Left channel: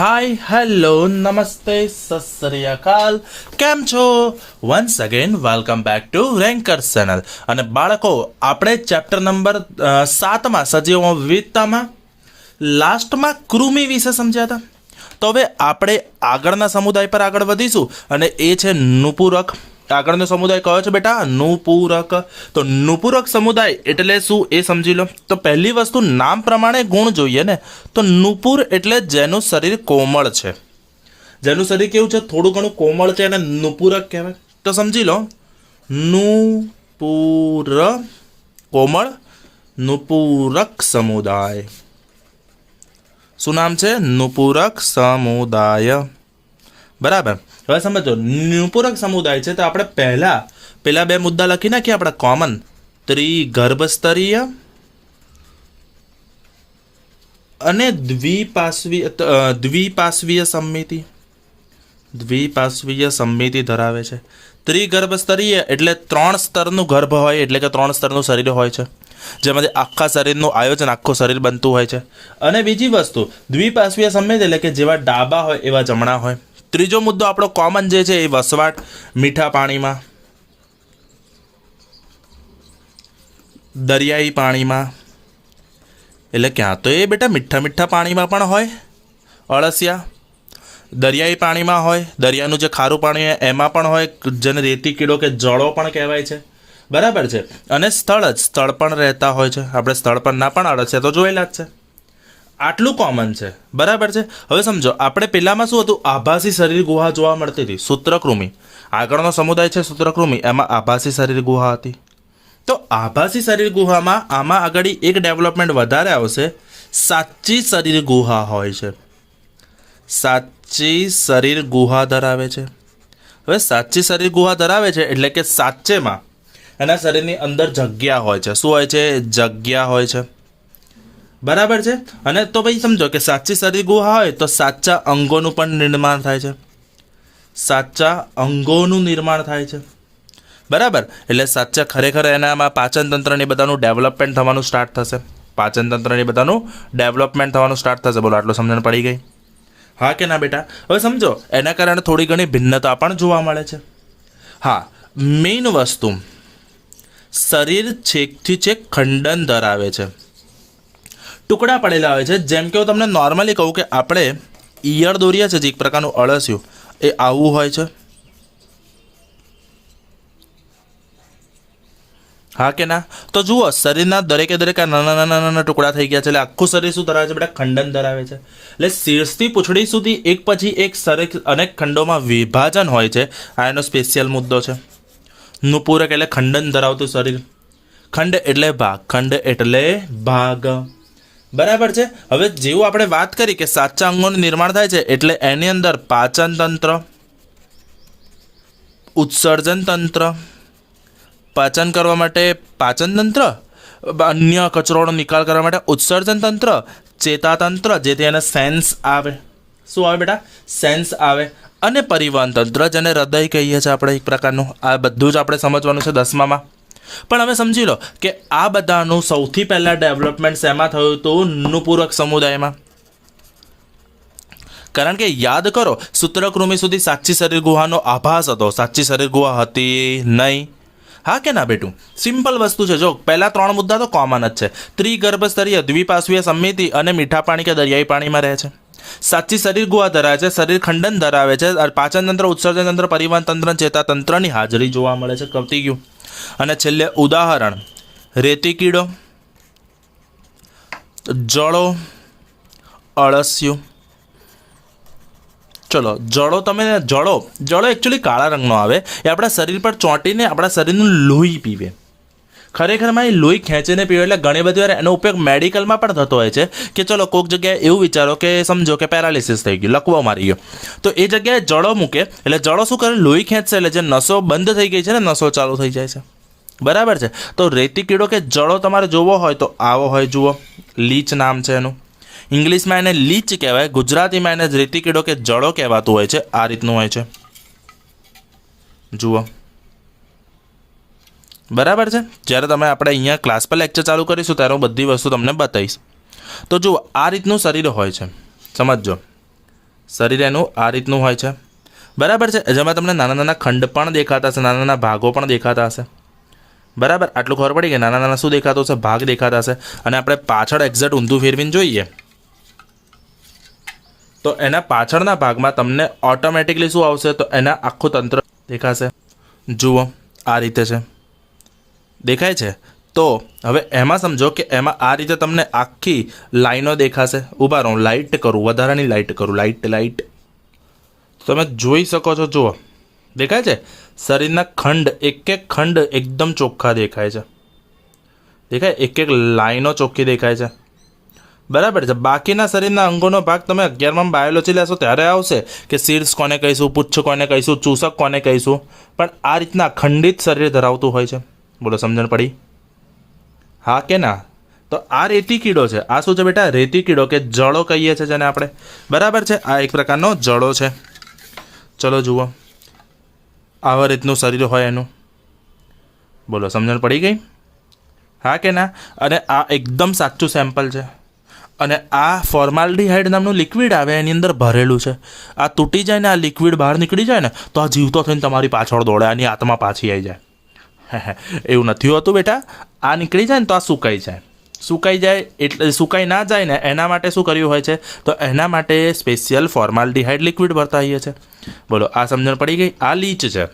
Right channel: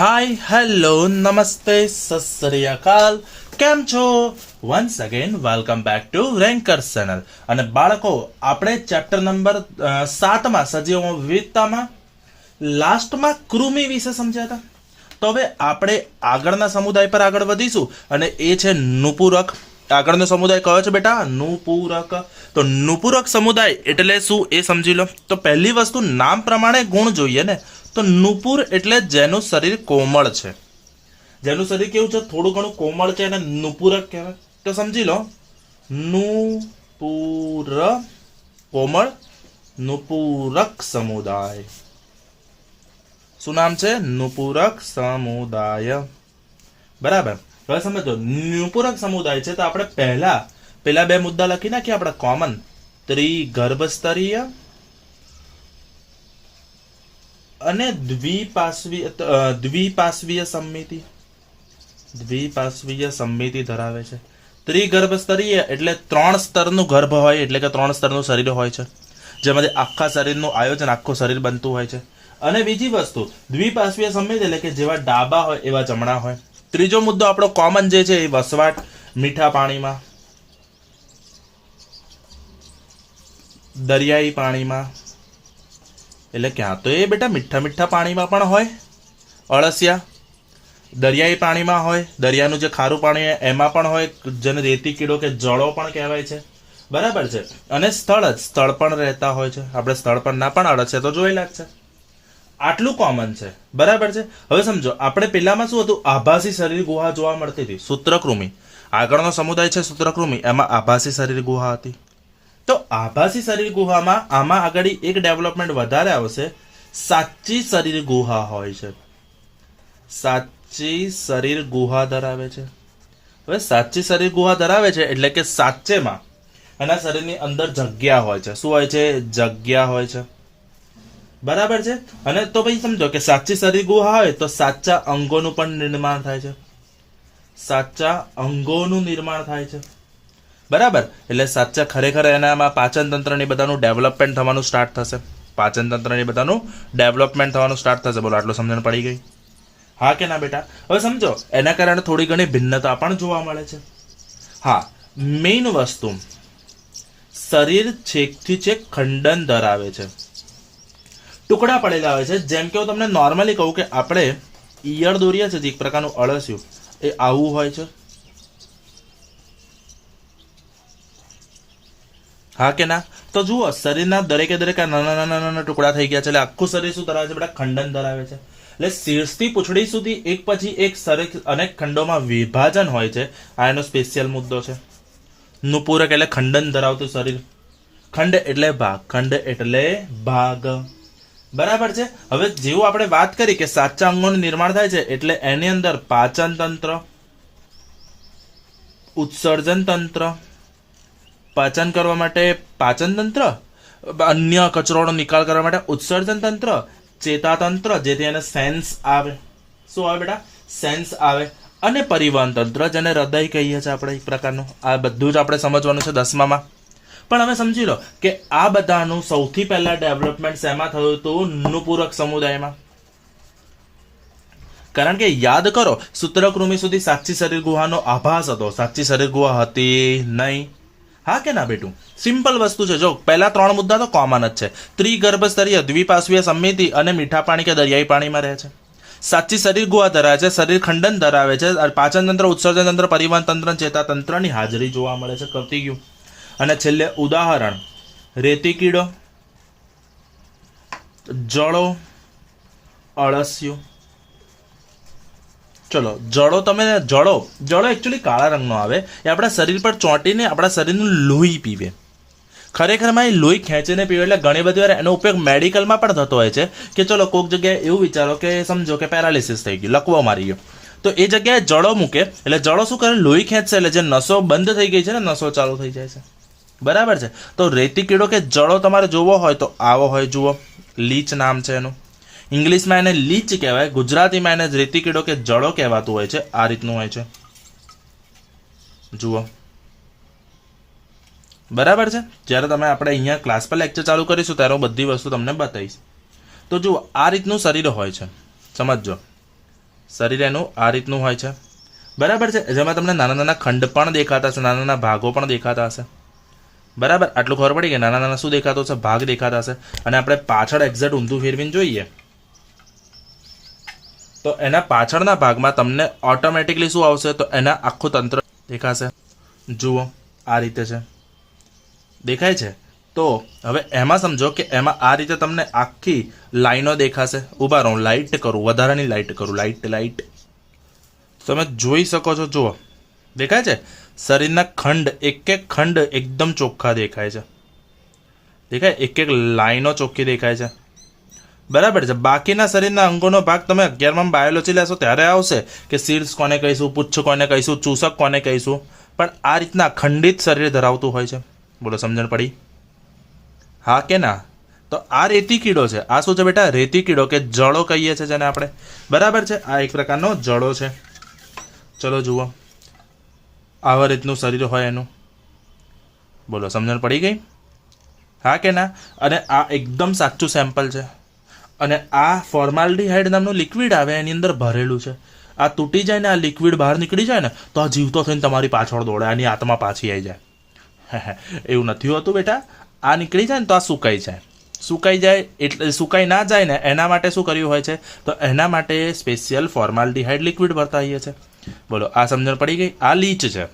Hi hello नमस्ते सत श्री अकाल કેમ છો once again welcome back to ranker channel. અને બાળકો આપણે ચેપ્ટર નંબર 7 માં સજીવોમાં વિવિધતામાં લાસ્ટમાં કૃમિ વિશે સમજ્યા હતા। તો હવે આપણે આગળના સમુદાય પર આગળ વધીશું અને એ છે નુપુરક। આગળનો સમુદાય કયો છે બેટા? નુપુરક। તો નુપુરક સમુદાય એટલે શું એ સમજી લો। તો પહેલી વસ્તુ નામ પ્રમાણે ગુણ જોઈએ ને, તો નુપુર એટલે જેનું શરીર કોમળ છે, જેનું શરીર કેવું છે? થોડું ઘણું કોમળ છે, એને નુપુરક કહેવાય। તો સમજી લો, નુપુર કોમળ નુપુરક સમુદાય। શું નામ છે? નુપુરક સમુદાય। બરાબર। હવે સમજો નુપુરક સમુદાય છે તો આપણે પહેલા બે મુદ્દા લખી નાખીએ આપણે કોમન। ત્રિગર્ભસ્તરીય અને દ્વિપાર્શ્વીય સંમિતિ ધરાવે છે। ત્રિગર્ભસ્તરીય એટલે 3 સ્તરનું ગર્ભ હોય, એટલે કે 3 સ્તરનું શરીર હોય છે, જેમાંથી આખા શરીરનું આયોજન આખું શરીર બનતું હોય છે। અને બીજી વસ્તુ દ્વિપાર્શ્વીય સંમિતિ એટલે કે જેવા ડાબા હોય એવા જમણા હોય। ત્રીજો મુદ્દો આપણો કોમન જે છે એ વસવાટ મીઠા પાણીમાં, દરિયાઈ પાણીમાં, એટલે ક્યાં તો એ બેટા મીઠા પાણીમાં પણ હોય અળસિયા, દરિયાઈ પાણીમાં હોય, દરિયાનું જે ખારું પાણી હોય એમાં પણ હોય, જેને રેતી કીડો કે જળો પણ કહેવાય છે। બરાબર છે। અને સ્થળ પણ રહેતા હોય છે, આપણે સ્થળ પર ના પણ અળસિયા તો જોયેલા જ છે। આટલું કોમન છે। બરાબર છે। હવે સમજો આપણે પેલામાં શું હતું? આભાસી શરીર ગુહા જોવા મળતી હતી, સૂત્રકૃમિ। આગળનો સમુદાય છે સૂત્રકૃમિ, એમાં આભાસી શરીર ગુહા હતી। તો આભાસી શરીર ગુહામાં આમાં આગળ એક ડેવલપમેન્ટ વધારે આવશે, સાચી શરીર ગુહા હોય છે, સાચી શરીર ગુહા ધરાવે છે। હવે સાચી શરીર ગુહા ધરાવે છે એટલે કે સાચેમાં એના શરીરની અંદર જગ્યા હોય છે। શું હોય છે? જગ્યા હોય છે। બરાબર છે। અને તો ભાઈ સમજો કે સાચી શરીર ગુહા હોય તો સાચા અંગોનું પણ નિર્માણ થાય છે, સાચા અંગોનું નિર્માણ થાય છે। બરાબર। એટલે સાચા ખરેખર એનામાં પાચન તંત્રની બધાનું ડેવલપમેન્ટ થવાનું સ્ટાર્ટ થશે, પાચન તંત્રની બધાનું ડેવલપમેન્ટ થવાનું સ્ટાર્ટ થશે। બોલો, આટલું સમજણ પડી ગઈ? હા કે ના બેટા? હવે સમજો એના કારણે થોડી ઘણી ભિન્નતા પણ જોવા મળે છે। હા, મેઇન વસ્તુ શરીર છેકથી છેક ખંડન ધરાવે છે, ટુકડા પડેલા હોય છે। જેમ કે હું તમને નોર્મલી કહું કે આપણે ઈયળ દોરીએ છીએ, જે એક પ્રકારનું અળસિયું, એ આવું હોય છે। હા કે ના? તો જુઓ શરીરના દરેકે નાના ટુકડા થઈ ગયા છે, એટલે આખું શરીર શું ધરાવે છે બેટા? ખંડન ધરાવે છે। એટલે શીર્ષથી પૂંછડી સુધી એક પછી એક શરીર અનેક ખંડોમાં વિભાજન હોય છે। આ એનો સ્પેશિયલ મુદ્દો છે। નુપુરક એટલે ખંડન ધરાવતું શરીર, ખંડ એટલે ભાગ। બરાબર છે। હવે જેવું આપણે વાત કરી કે સાચા અંગોનું નિર્માણ થાય છે, એટલે એની અંદર પાચન તંત્ર, ઉત્સર્જન તંત્ર, પાચન કરવા માટે પાચન તંત્ર, અન્ય કચરોનો નિકાલ કરવા માટે ઉત્સર્જન તંત્ર, ચેતાતંત્ર, જેથી એને સેન્સ આવે। શું આવે બેટા? સેન્સ આવે। અને પરિવહન તંત્ર, જેને હૃદય કહીએ છીએ આપણે એક પ્રકારનું। આ બધું જ આપણે સમજવાનું છે 10મામાં। પણ હવે સમજી લો કે આ બધાનું સૌથી પહેલા ડેવલપમેન્ટ શેમાં થયું હતું? નુપુરક સમુદાયમાં। કારણ કે યાદ કરો, સૂત્રકૃમિ સુધી સાચી શરીર ગુહાનો આભાસ હતો, સાચી શરીર ગુહા હતી નહીં। હા કે ના બેટું? સિમ્પલ વસ્તુ છે। જો પહેલા 3 મુદ્દા તો કોમન જ છે, ત્રિગર્ભસ્તરીય, દ્વિપાર્શ્વીય સંમિતિ અને મીઠા પાણી કે દરિયાઈ પાણીમાં રહે છે, સાચી શરીર ગુહા ધરાવે છે, શરીર ખંડન ધરાવે છે, પાચન તંત્ર, ઉત્સર્જન તંત્ર, પરિવહન તંત્ર, ચેતાતંત્રની હાજરી જોવા મળે છે। કપતી ગયું। અને છેલ્લે ઉદાહરણ રેતી કીડો, જળો, અળસિયું। ચલો જળો એકચ્યુઅલી કાળા રંગનો આવે, એ આપણા શરીર પર ચોંટીને આપણા શરીરનું લોહી પીવે। ખરેખરમાં એ લોહી ખેંચીને પીવે, એટલે ઘણી બધી વાર એનો ઉપયોગ મેડિકલમાં પણ થતો હોય છે કે ચલો કોઈક જગ્યાએ એવું વિચારો કે સમજો કે પેરાલિસિસ થઈ ગયું, લકવો મારી ગયો, તો એ જગ્યાએ જળો મૂકે, એટલે જળો શું કરે? લોહી ખેંચશે, એટલે જે નસો બંધ થઈ ગઈ છે ને, નસો ચાલુ થઈ જાય છે। બરાબર છે। તો રેતી કીડો કે જળો તમારે જોવો હોય તો આવો હોય, જુઓ, લીચ નામ છે એનું। ઇંગ્લિશમાં એને લીચ કહેવાય, ગુજરાતીમાં એને રેતી કીડો કે જળો કહેવાતું હોય છે। આ રીતનું હોય છે, જુઓ। બરાબર છે। જ્યારે તમે આપણે અહીંયા ક્લાસ પર લેક્ચર ચાલુ કરીશું ત્યારે હું બધી વસ્તુ તમને બતાવીશ। તો જુઓ આ રીતનું શરીર હોય છે, સમજો। શરીર એનું આ રીતનું હોય છે, બરાબર છે, જેમાં તમને નાના નાના ખંડ પણ દેખાતા હશે, નાના નાના ભાગો પણ દેખાતા હશે, બરાબર. આટલું ખબર પડી કે નાના નાના શું દેખાતું હશે? ભાગ દેખાતા હશે. અને આપણે પાછળ એક્ઝેક્ટ ઊંધું ફેરવીને જોઈએ તો એના પાછળના ભાગમાં તમને ઓટોમેટિકલી શું આવશે? તો એના આખું તંત્ર દેખાશે. જુઓ આ રીતે છે, દેખાય છે. તો હવે એમાં સમજો કે એમાં આ રીતે તમને આખી લાઈનો દેખાશે. ઊભા રહો, લાઇટ કરું, વધારાની લાઇટ કરું, લાઇટ તમે જોઈ શકો છો. જુઓ દેખાય છે, શરીરના ખંડ એક એક ખંડ એકદમ ચોખ્ખા દેખાય છે, દેખાય, એક એક લાઈનો ચોખ્ખી દેખાય છે, બરાબર છે. બાકીના શરીરના અંગોનો ભાગ તમે 11માં બાયોલોજી લેશો ત્યારે આવશે કે શીર્ષ કોને કહીશું, પુચ્છ કોને કહીશું, ચૂસક કોને કહીશું, પણ આ રીતના ખંડિત શરીર ધરાવતું હોય છે. બોલો સમજણ પડી? હા કે ના? તો આ રેતી કીડો છે. આ શું છે બેટા? રેતી કીડો કે જળો કહીએ છીએ જેને આપણે, બરાબર છે. આ એક પ્રકારનો જળો છે. ચલો જુઓ, આવા રીતનું શરીર હોય એનું. બોલો સમજણ પડી ગઈ? હા કે ના? અને આ એકદમ સાચું સેમ્પલ છે. અને આ ફોર્માલ્ડિહાઇડ નામનું લિક્વિડ આવે એની અંદર ભરેલું છે. આ તૂટી જાય ને આ લિક્વિડ બહાર નીકળી જાય ને તો આ જીવતો થઈને તમારી પાછળ દોડે, આની આત્મા પાછી આવી જાય. એવું નથી હોતું બેટા. આ નીકળી જાય ને તો આ સુકાઈ જાય. સુકાઈ જાય એટલે સુકાઈ ના જાય ને એના માટે શું કર્યું હોય છે? તો એના માટે સ્પેશિયલ ફોર્માલ્ડિહાઇડ લિક્વિડ ભરતા હોઈએ છે. બોલો આ સમજણ પડી ગઈ? આ લીચ છે.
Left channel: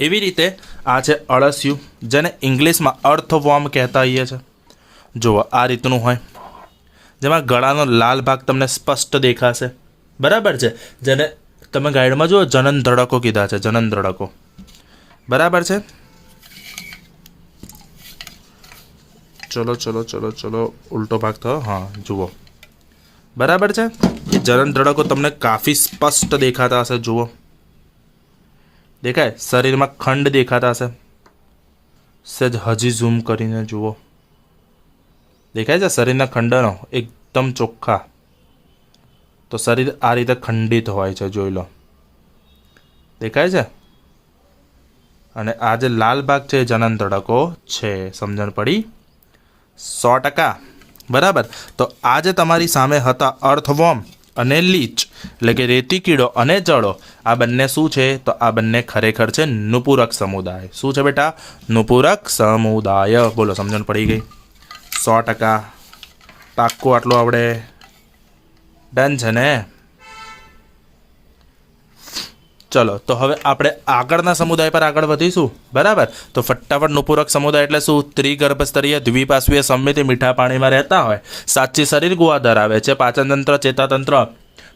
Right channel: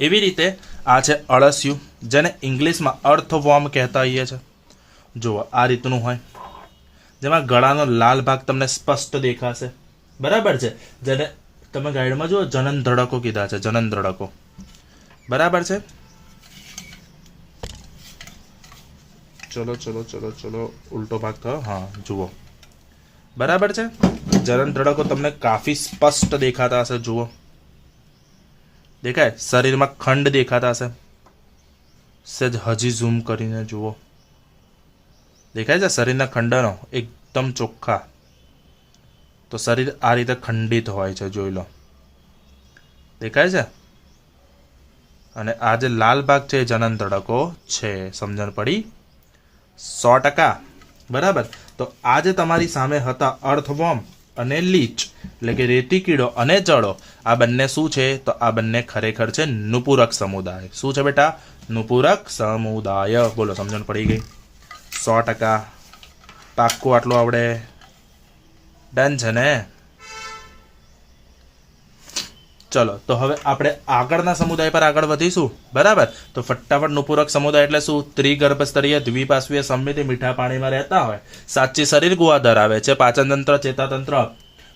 એવી રીતે આ છે અળસિયું, જેને ઇંગ્લિશમાં અર્થવોર્મ કહેતા હોઈએ છે. જુઓ આ રીતનું હોય, જેમાં ગળાનો લાલ ભાગ તમને સ્પષ્ટ દેખાશે, બરાબર છે. જેને તમે ગાઈડમાં જુઓ જનન ધડકો કીધા છે, જનન ધડકો, બરાબર છે. ચલો ઉલટો ભાગ થયો. હા જુઓ, બરાબર છે. એ જનન ધડકો તમને કાફી સ્પષ્ટ દેખાતા હશે. જુઓ દેખાય, શરીરમાં ખંડ દેખાતા હશે. સહેજ હજી ઝૂમ કરીને જુઓ, દેખાય છે શરીરના ખંડનો એકદમ ચોખ્ખા. તો શરીર આ રીતે ખંડિત હોય છે, જોઈ લો, દેખાય છે. અને આ જે લાલ ભાગ છે એ જનન ધડકો છે. સમજણ પડી? 100%, બરાબર. તો આ જે તમારી સામે હતા અર્થવોર્મ અને લીચ, એટલે કે રેતી કીડો અને જળો, આ બંને શું છે? તો આ બંને ખરેખર છે નુપુરક સમુદાય. શું છે બેટા? નુપુરક સમુદાય. બોલો સમજણ પડી ગઈ? 100% પાક્કું આટલું આપણે ડન છે ને? ચલો તો હવે આપણે આગળના સમુદાય પર આગળ વધીશું, બરાબર. તો ફટાફટ નુપુરક સમુદાય એટલે શું? ત્રિગર્ભસ્તરીય દ્વિપાર્શ્વીય સંમિતિ મીઠા પાણીમાં રહેતા હોય, સાચી શરીર ગુહા ધરાવે છે, પાચન તંત્ર, ચેતાતંત્ર,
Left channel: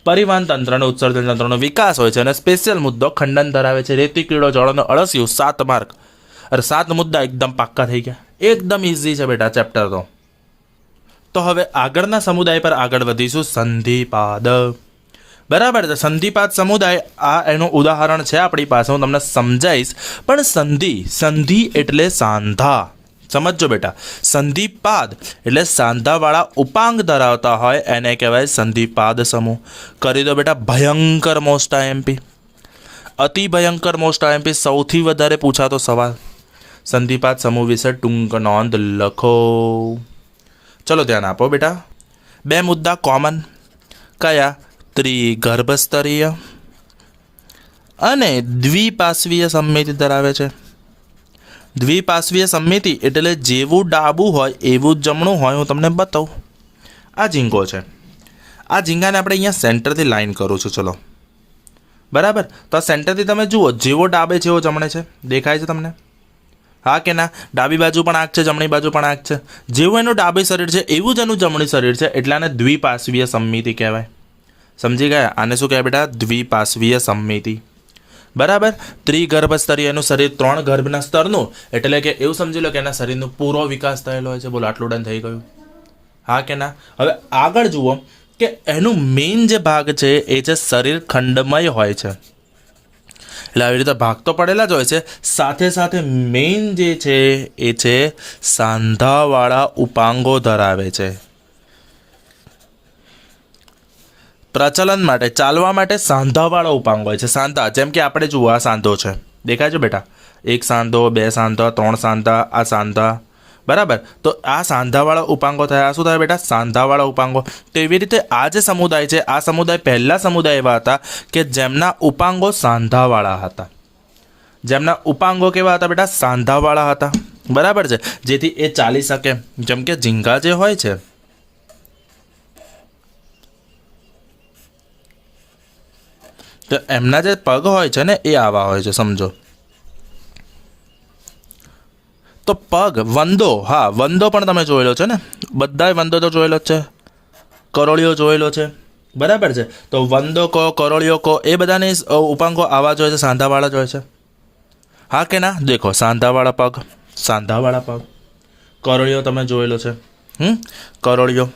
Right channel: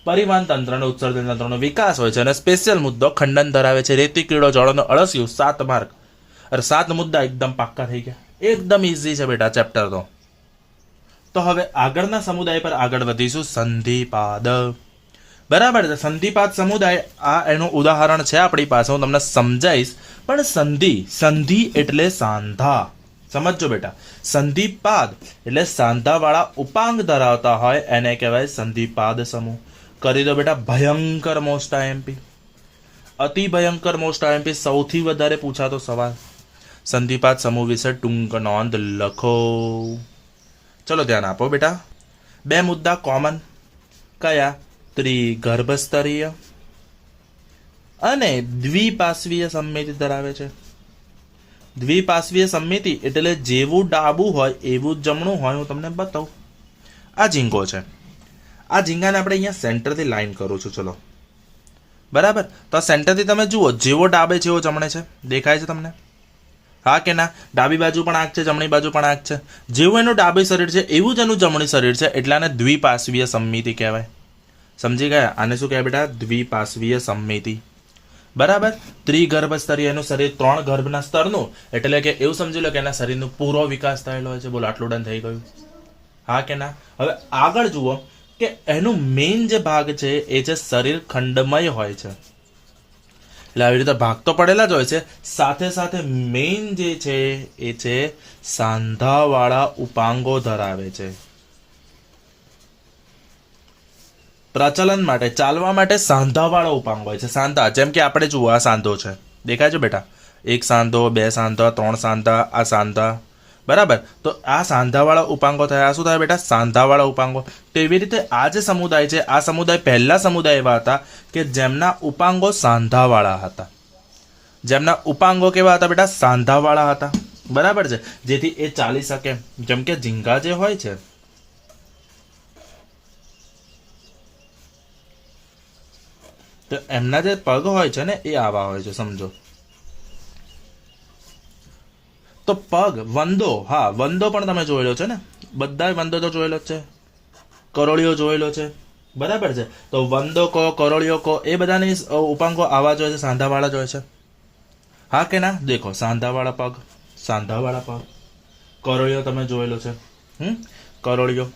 પરિવહન તંત્ર અને ઉત્સર્જન તંત્રનો વિકાસ હોય છે. અને સ્પેશિયલ મુદ્દો ખંડન ધરાવે છે. રેતી કીડો, જળનો અળસિયું. 7 માર્ક. અરે 7 મુદ્દા એકદમ પાક્કા થઈ ગયા. એકદમ ઇઝી છે બેટા ચેપ્ટર તો હવે આગળના સમુદાય પર આગળ વધીશું. સંધિપાદ, બરાબર છે. સંધિપાદ સમુદાય, આ એનું ઉદાહરણ છે આપણી પાસે, હું તમને સમજાવીશ. પણ સંધિ એટલે સાંધા. સમજો બેટા, સંધિપાદ એટલે સાંધાવાળા ઉપાંગ ધરાવતા હોય એને કહેવાય સંધિપાદ સમૂહ. કરી દો બેટા ભયંકર મોસ્ટ આઈએમપી, અતિ ભયંકર મોસ્ટ આઈએમપી, સૌથી વધારે પૂછાતો સવાલ. સંધિપાદ સમૂહ વિશે ટૂંક નોંધ લખો. ચલો ધ્યાન આપો બેટા. 2 મુદ્દા કોમન. કયા? ત્રિગર્ભસ્તરીય અને દ્વિપાર્શ્વીય સંમિતિ ધરાવે છે. દ્વિપાર્શ્વીય સંમિતિ એટલે જેવું ડાબું હોય એવું જ જમણું હોય. હું તમને બતાવું. આ ઝીંગો છે. આ ઝીંગાને આપણે અહીંયા સેન્ટરથી લાઈન કરું છું. ચલો બરાબર. તો આ સેન્ટરથી તમે જુઓ, જેવો ડાબે છે એવો જમણે છે. દેખાય છે તમને? હા કે ના? ડાબી બાજુ પણ આંખ છે, જમણી બાજુ પણ આંખ છે. જેવું એનું ડાબી શરીર છે એવું જ એનું જમણી શરીર છે, એટલે આને દ્વિપાર્શ્વીય સંમિતિ કહેવાય. સમજી ગયા? આને શું કહેવાય બેટા? દ્વિપાર્શ્વીય સંમિતિ, બરાબર. ત્રિગર્ભસ્તરીય એનું શરીર 3 ગર્ભના સ્તરનું, એટલે કે એવું સમજી લો કે એના શરીરનો પૂરો વિકાસ થયેલો હોય છે. બોલો આટલું ડન થઈ ગયું. હા કે ના? હવે આગળ જુઓ કે એનું મેઇન જે ભાગ છે એ છે શરીર ખંડમય હોય છે. એટલે આવી રીતે ભાગ તો પડેલા જ હોય છે, સાથે સાથે મેઇન જે છે એ છે સાંધાવાળા ઉપાંગો ધરાવે છે. પ્રચલન માટે, ચાલવા માટે સાંધાવાળા ઉપાંગ હોય છે. સાંધા, જેમ કે આપણે જુઓ આ સાંધો છે, દેખાય છે બેટા? 1 સાંધો, 2 સાંધા, 3 સાંધા, આ સાંધા, બરાબર. તો આ સાંધાવાળા ઉપાંગો થયા. આ શું થાય બેટા? સાંધાવાળા ઉપાંગો. તો એવી રીતે આ જે સમુદાય છે, આ સમુદાય પહેલા સમુદાય એવા હતા કે જેમના ઉપાંગો સાંધાવાળા હતા. જેમના ઉપાંગો કેવા હતા બેટા? સાંધાવાળા હતા. બરાબર છે. જેથી એ ચાલી શકે. જેમ કે ઝીંગા જે હોય છે, તો એમના જે પગ હોય છે ને એ આવા હોય છે, સમજો. તો પગ વંદો, હા વંદો પણ તમે જોયેલો છે ને, બધાય વંદો તો જોયેલો જ છે, કરોળિયો જોયેલો છે. બરાબર છે. તો વંદો કહો, કરોળિયો કહો, એ બધાની ઉપાંગો આવા જ હોય છે, સાંધાવાળા જ હોય છે. હા કે ના? દેખો, સાંધાવાળા પગ, સાંધાવાળા પગ. કરોળિયો તમે જોયેલો છે, કરોળિયો.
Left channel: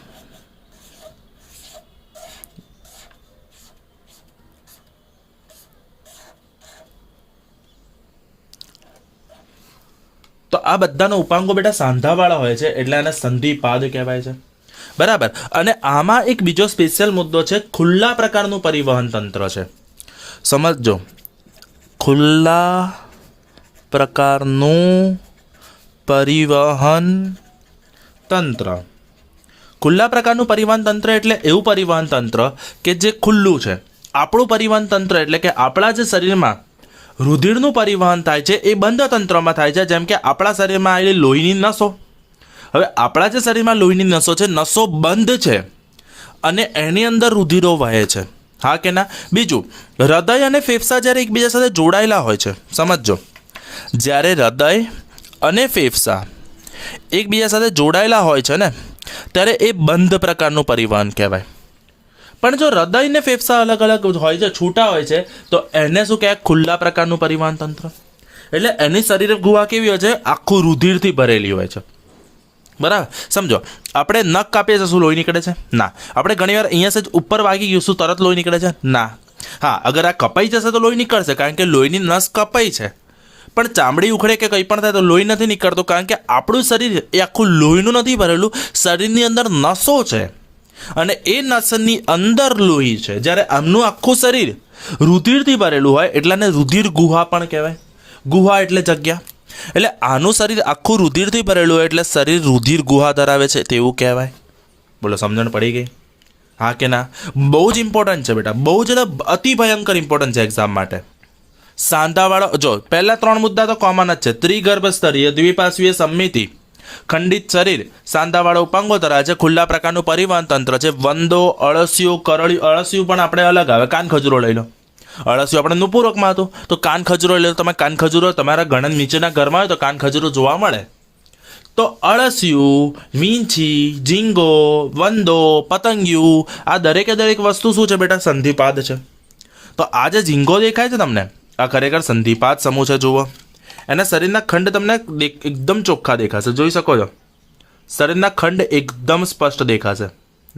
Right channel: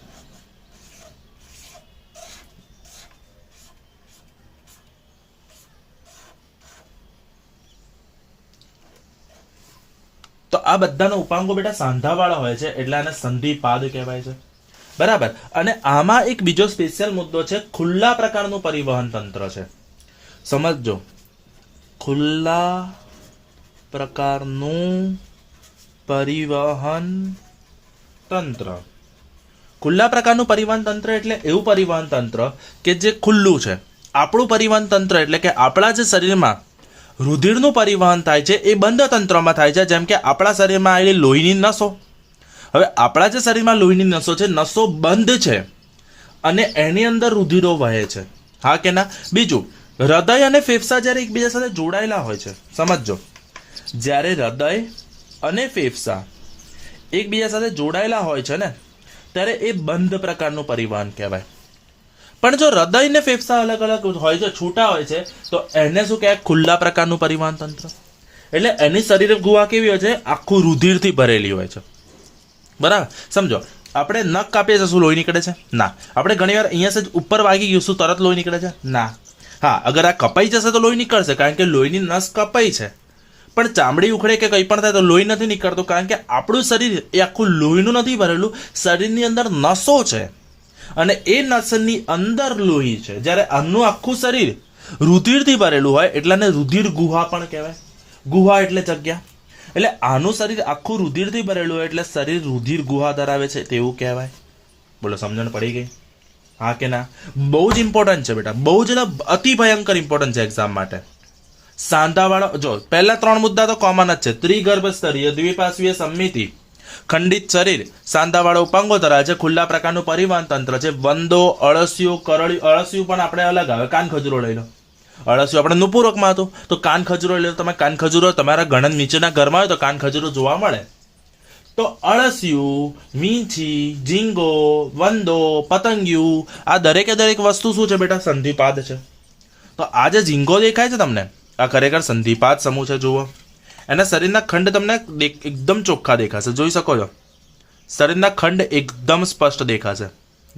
તો આ બધાનો ઉપાંગો બેટા સાંધાવાળા હોય છે, એટલે આને સંધિપાદ કહેવાય છે. બરાબર. અને આમાં એક બીજો સ્પેશિયલ મુદ્દો છે, ખુલ્લા પ્રકારનું પરિવહન તંત્ર છે. સમજો, ખુલ્લા પ્રકારનું પરિવહન તંત્ર. ખુલ્લા પ્રકારનું પરિવહન તંત્ર એટલે એવું પરિવહન તંત્ર કે જે ખુલ્લું છે. આપણું પરિવહન તંત્ર એટલે કે આપણા જે શરીરમાં રુધિરનું પરિવહન થાય છે એ બંધ તંત્રમાં થાય છે. જેમ કે આપણા શરીરમાં આવેલી લોહીની નસો, હવે આપણા જે શરીરમાં લોહીની નસો છે, નસો બંધ છે અને એની અંદર રુધિરો વહે છે. હા કે ના? બીજું, હૃદય અને ફેફસા જ્યારે એકબીજા સાથે જોડાયેલા હોય છે, સમજો, જ્યારે હૃદય અને ફેફસા એકબીજા સાથે જોડાયેલા હોય છે ને, ત્યારે એ બંધ પ્રકારનું પરિવહન કહેવાય. પણ જો હૃદય ને ફેફસા અલગ અલગ હોય છે, છૂટા હોય છે, તો એને શું કહેવાય? ખુલ્લા પ્રકારનું પરિવહન તંત્ર. એટલે એની શરીર ગુહા કેવી હોય છે? આખું રુધિરથી ભરેલી હોય છે. બરાબર. સમજો, આપણે નખ કાપીએ છીએ, શું લોહી નીકળે છે? ના. આપણે ઘણીવાર અહીંયા જ ઉપર વાગી ગયું, શું તરત લોહી નીકળે છે? ના. હા, અગર આ કપાઈ જશે તો લોહી નીકળશે, કારણ કે લોહીની નસ કપાઈ છે. પણ ચામડી ઉખડે કે કંઈ પણ થાય તો લોહી નથી નીકળતું, કારણ કે આપણું શરીર એ આખું લોહીનું નથી ભરેલું. શરીરની અંદર નસો છે અને એ નસની અંદર લોહી છે. જ્યારે આમનું આખું શરીર રુધિરથી ભરેલું હોય એટલે આને રુધિર ગુહા પણ કહેવાય. ગુહા એટલે જગ્યા. એટલે આનું શરીર આખું રુધિરથી ભરેલું હોય એટલે શરીર રુધિર ગુહા ધરાવે છે તેવું કહેવાય. બોલો, સમજણ પડી ગઈ? હા કે ના? બહુ જ ઇમ્પોર્ટન્ટ છે બેટા, બહુ જ અતિ ભયંકર ઇમ્પોર્ટન્ટ છે એક્ઝામ માટે. સાંધાવાળો, જો પહેલા 3 મુદ્દા તો કોમન જ છે. ત્રિગર્ભ સ્તરીય દ્વિપાર્શ્વીય સમિતિ, ખંડિત શરીર, સાંધાવાળો ઉપાંગો ધરાવે છે, ખુલ્લા પ્રકારનું પરિવહન તંત્ર છે. વંદો, અળસિયું, કરળિયું. અળસિયું પણ આપણે અલગ આવે. કાન ખજૂરો લઈ લો. અળસિયું આપણે નુપુરકમાં હતું, તો કાન ખજૂરો લઈ લો. તમે કાન ખજૂરો તમારા ઘણા નીચેના ઘરમાં હોય તો કાન ખજૂરો જોવા મળે. તો અળસિયું, વીંછી, ઝીંગો, વંદો, પતંગિયું, આ દરેકે દરેક વસ્તુ શું છે બેટા? સંધિપાદ છે. તો આ જે ઝીંગો દેખાય છે તમને, આ ખરેખર સંધિપાદ સમૂહ છે. જુઓ, એના શરીરના ખંડ તમને એકદમ ચોખ્ખા દેખાશે, જોઈ શકો છો. શરીરના ખંડ એકદમ સ્પષ્ટ દેખાશે,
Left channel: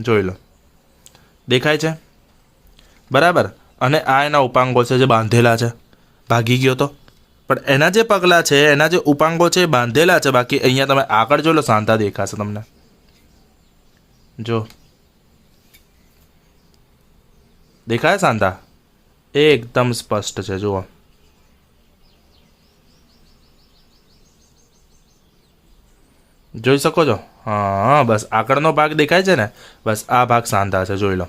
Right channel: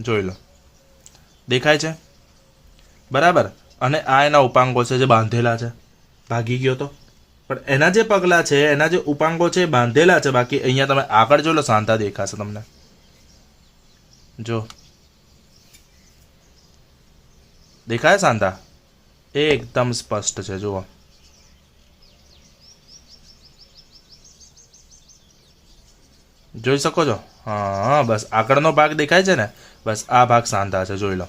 જોઈ લો. દેખાય છે? બરાબર. અને આ એના ઉપાંગો છે જે બાંધેલા છે. ભાગી ગયો તો, પણ એના જે પગલા છે, એના જે ઉપાંગો છે એ બાંધેલા છે. બાકી અહીંયા તમે આગળ જોઈ લો, સાંધા દેખાશે તમને. જો દેખાય સાંધા? એ એકદમ સ્પષ્ટ છે. જુઓ, જોઈ શકો છો? હા, બસ આગળનો ભાગ દેખાય છે ને, બસ આ ભાગ સાંધા છે, જોઈ લો.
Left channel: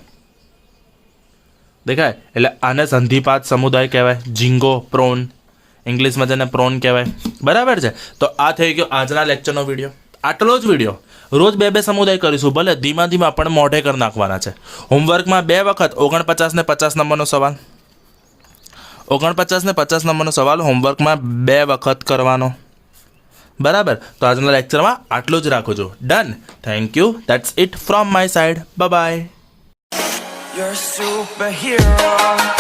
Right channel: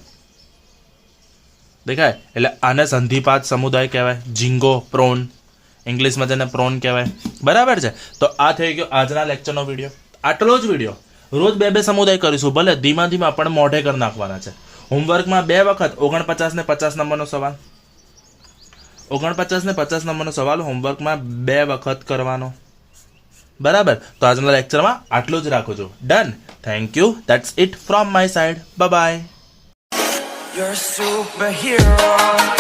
દેખાય? એટલે આને સંધિપાદ સમુદાય કહેવાય. ઝીંગો, પ્રોન, ઇંગ્લિશમાં જેને પ્રોન કહેવાય. બરાબર છે. તો આ થઈ ગયો આજના લેક્ચરનો વિડીયો. આટલો જ વિડીયો. રોજ 2 સમુદાય કરીશું, ભલે ધીમા ધીમા પણ મોઢે કરી નાખવાના છે. હોમવર્કમાં 2 વખત 49 ને 50 નંબરનો સવાલ, 49 ને 50 નંબરનો સવાલ હોમવર્કમાં 2 વખત કરવાનો. બરાબર. તો આજના લેક્ચરમાં આટલું જ રાખો છો. Done. Thank you. That's it from my side. Bye bye. You're a superhero.